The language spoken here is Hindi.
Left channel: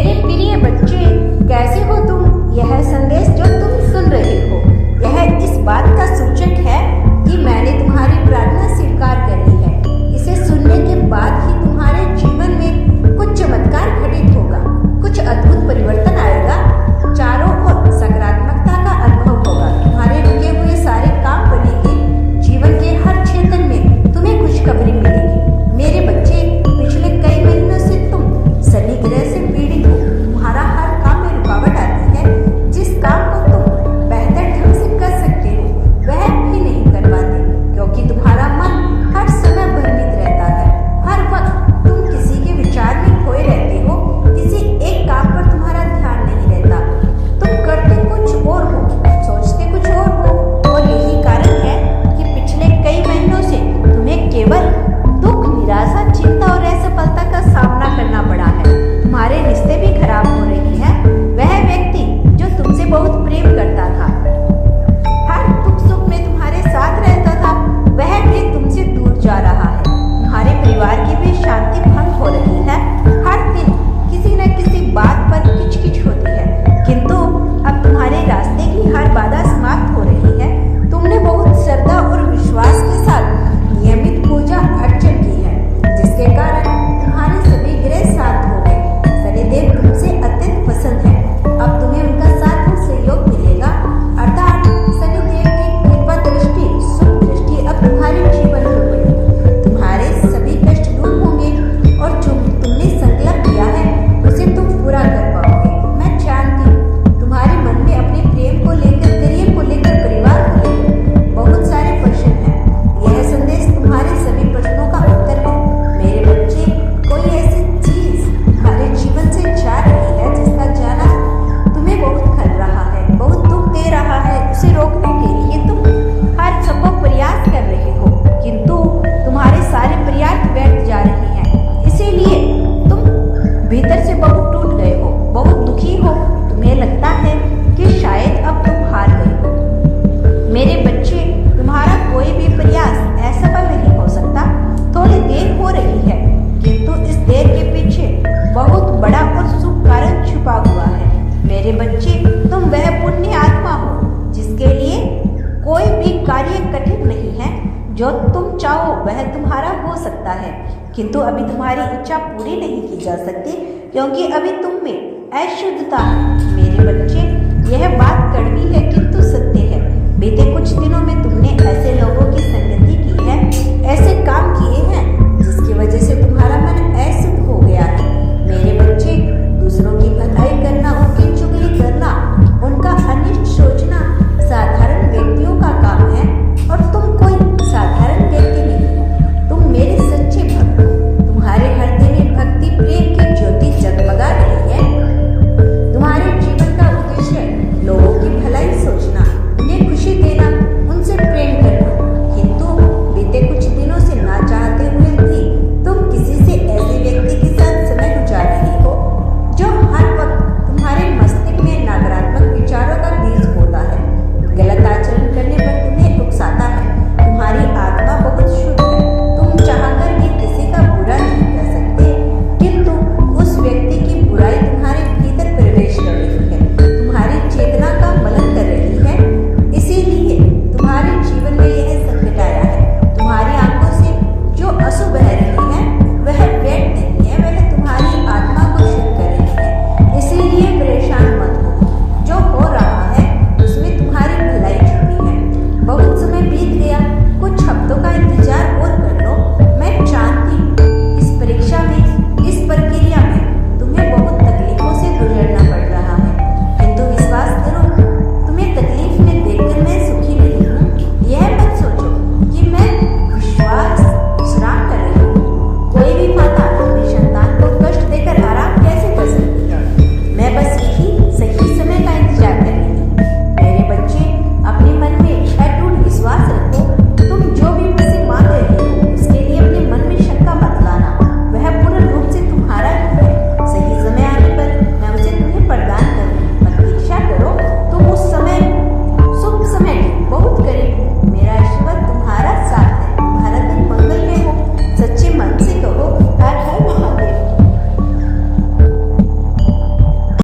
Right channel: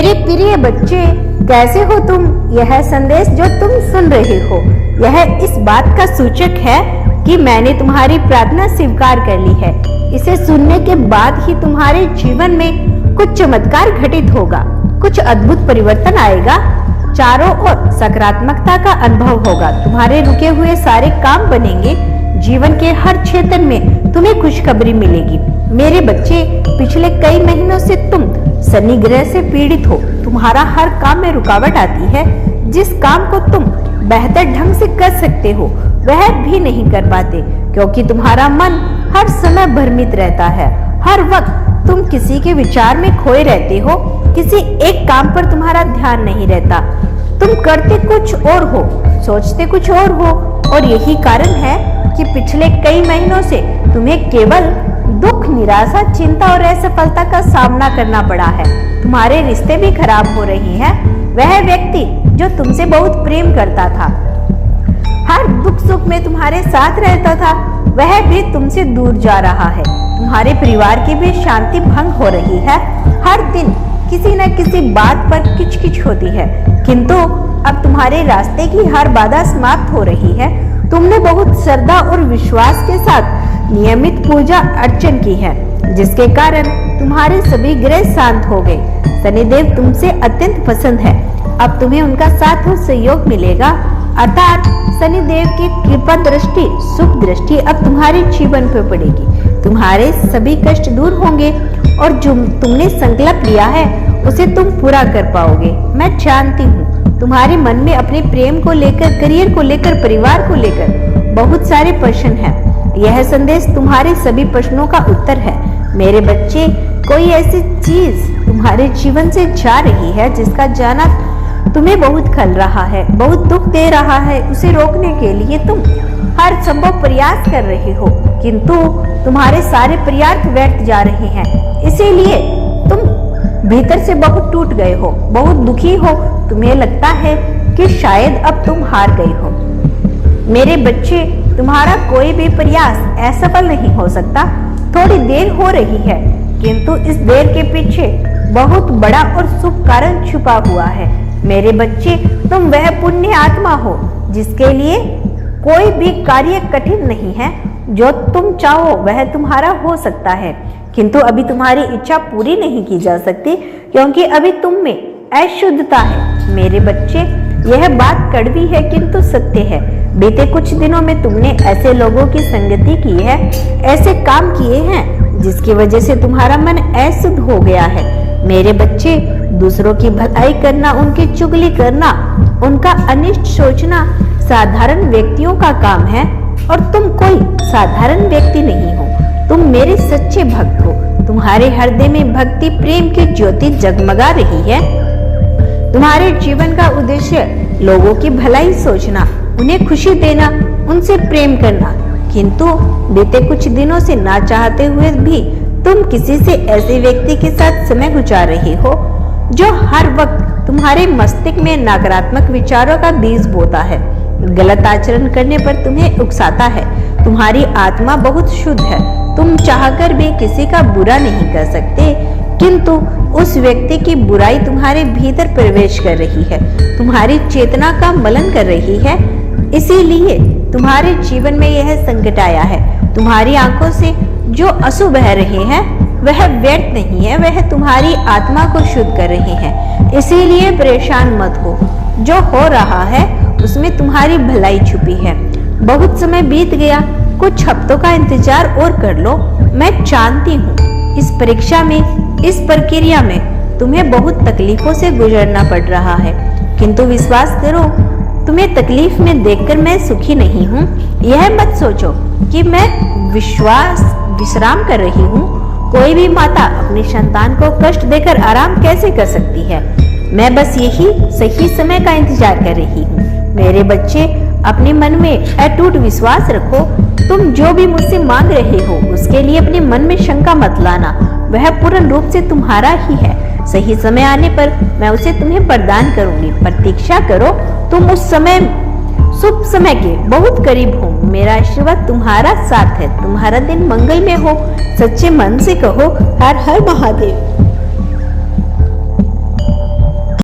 मेरे प्रिय बच्चे, कैसे हो तुम? यह संदेश जो तुम सुन रहे हो, यह इस बात का सूचक है कि मैंने तुम्हारी प्रार्थना स्वीकार कर ली है। इसे सुनने के बाद ही तुम्हारे जीवन में कुछ चमत्कार घटित होगा, कुछ अद्भुत परिवर्तन आएगा, चारों ओर सकारात्मकता का अनुभव होगा, तुम्हारे रुके हुए सारे काम बनेंगे, जीवन के हर क्षेत्र में तुम्हें खुशखबरी मिलेगी। मेरे बच्चे, पिछले कई महीनों से तुम शनि ग्रह से पीड़ित हो। तुम्हारा हर काम में रुकावट आती है। जिस काम को तुम बेहतर ढंग से कर सकते हो वह भी नहीं कर पाते, क्योंकि तुम्हारा मन हर समय भ्रमित रहता है। हर वक्त तुम किसी के विचार में खोए रहते हो, किसी एक काम पर तुम्हारा ध्यान नहीं रहता। तुम करते कुछ और हो, सोचते कुछ और हो, और यही कारण है कि पिछले कई महीनों से तुम्हें केवल दुख, निराशा, चिंता और असफलता का सामना करना पड़ा है। तुम्हारे रिश्ते भी खराब हो रहे हैं। वह व्यक्ति जो तुमसे बहुत प्रेम करता था, हर दुख सुख में तुम्हारे साथ रहता था, वह भी तुमसे दूर जा रहा है। तुम्हारे परिवार की भी शांति भंग हो रही है। हर दिन किसी न किसी बात पर किचकिच होती है, किंतु अब तुम्हारे रास्ते की हर बाधा समाप्त हो रही है। तुमने बहुत श्रद्धा और विश्वास के साथ नियमित पूजा अर्चन की है, जिसके कारण तुम्हारे सभी ग्रह शांत हो गए। शनिदेव तुमसे अत्यंत पसंद है। अब तुम्हें उनका साथ और सहयोग मिलेगा, अर्थात शनिदेव की कृपा दृष्टि, शुभ दृष्टि अब तुम्हारे जीवन पर पड़ेगी। तुम्हारे सभी कष्ट दूर होंगे और जो तुमने संकल्प लिया है उसे तुम पूरा कर पाओगे। मैं जानती हूँ तुम्हारे मन में अपने प्रेम को लेकर, करियर को लेकर, परिवार को लेकर बहुत सारे प्रश्न हैं। यह संदेश तुम्हारे सभी प्रश्नों का उत्तर है। मेरे बच्चे, कोई ऐसी चीज तुम्हारे जीवन से जा रही है जिसका जाना तुम्हें बहुत खल रहा है, बहुत दुख दे रहा है। उसे रोकने के लिए तुम हर संभव प्रयास कर रहे हो, किंतु तुम्हारे सारे प्रयास व्यर्थ जा रहे हैं। इसीलिए तुम भीतर से बहुत टूट गए हो, बहुत दुखी हो। तुम्हें लगता है कि शायद अब तुम हार गए हो। मेरे बच्चे, तुम्हारा कोई भी प्रयास असफल नहीं हो सकता। थोड़ी देर हो रही है, किंतु इस देर के पीछे बहुत बड़ा और शुभ कारण छुपा हुआ है। मेरे बच्चे, तुम वह पुण्य आत्मा हो जिसके लिए कोई भी कार्य कठिन नहीं है। जो तुम चाहो वह तुम्हारा हो सकता है, किंतु अभी तुम्हारी इच्छा पूरी नहीं की जा सकती, क्योंकि अभी तुम में अशुद्धता है। मेरे बच्चे, यह बात कड़वी है किंतु सत्य है। बीते कुछ दिनों में तुमने ऐसे लोगों की संगति की है, ऐसे काम किए हैं जिसकी वजह से तुम्हारा मन अशुद्ध हो गया है। मेरे बच्चे, दूसरों की भलाई करना, उनकी चुगली करना, उनका अनिष्ट सोचना साधारण व्यक्तियों का काम है, और तुम कोई साधारण व्यक्ति नहीं हो। तुम मेरे सच्चे भक्त हो। तुम्हारे हृदय में भक्ति प्रेम की ज्योति जगमगा रही है। तुम्हारे जीवन का उद्देश्य लोगों की भलाई सोचना, उन्हें खुशी देना, उनसे प्रेम करना, किंतु बीते कुछ दिनों से ना चाहते हुए भी तुम किसी से ऐसे व्यक्ति के साथ समय गुजार रहे हो जो हर वक्त तुम्हारे मस्तिष्क में नकारात्मक विचारों का बीज बोता है, गलत आचरण करने पर तुम्हें उकसाता है। तुम्हारी आत्मा बहुत शुद्ध है। तुम चाहकर भी किसी का बुरा नहीं कर सकते, किंतु उस व्यक्ति की बुराई तुम्हारे भीतर प्रवेश कर रही है, तुम्हारी चेतना का मलन कर रही है। इसीलिए तुम्हारे जीवन में यह संकट आया है। तुम्हारी आंखों से जो आंसू बह रहे हैं वह व्यर्थ नहीं है, वह तुम्हारी आत्मा को शुद्ध कर रहे हैं। इसीलिए परेशान मत हो। जो हो रहा है उसमें तुम्हारी भलाई छुपी है। बहुत समय बीत गया, कुछ हफ्तों का इंतजार और कर लो। मैं जानती हूँ इस परीक्षा में, इस प्रक्रिया में तुम्हें बहुत तकलीफों से गुजरना पड़ रहा है, किंतु विश्वास करो, तुम्हें तकलीफ में देखकर मैं सुखी नहीं हूँ। यह मत सोचो कि मैं विश्राम कर रही हूँ। कोई भी माता अपनी संतान को कष्ट देकर आराम कैसे कर सकती है? मैं बस यही सही समय का इंतजार कर रही हूँ। मेरे बच्चे, अपने मन में अटूट विश्वास रखो। तुम जो भी मुझसे मांग रहे हो उसके लिए अपने मन में शंका मत लाना, वह पूर्ण रूप से तुम्हारा ही है। सही समय आने पर मैं उसे तुम्हें प्रदान करूंगी। प्रतीक्षा करो, तुम उस समय, शुभ समय के बहुत करीब हो। मेरा आशीर्वाद तुम्हारा साथ है। तुम्हारा दिन मंगलमय हो। सच्चे मन से कहो, हर हर महादेव।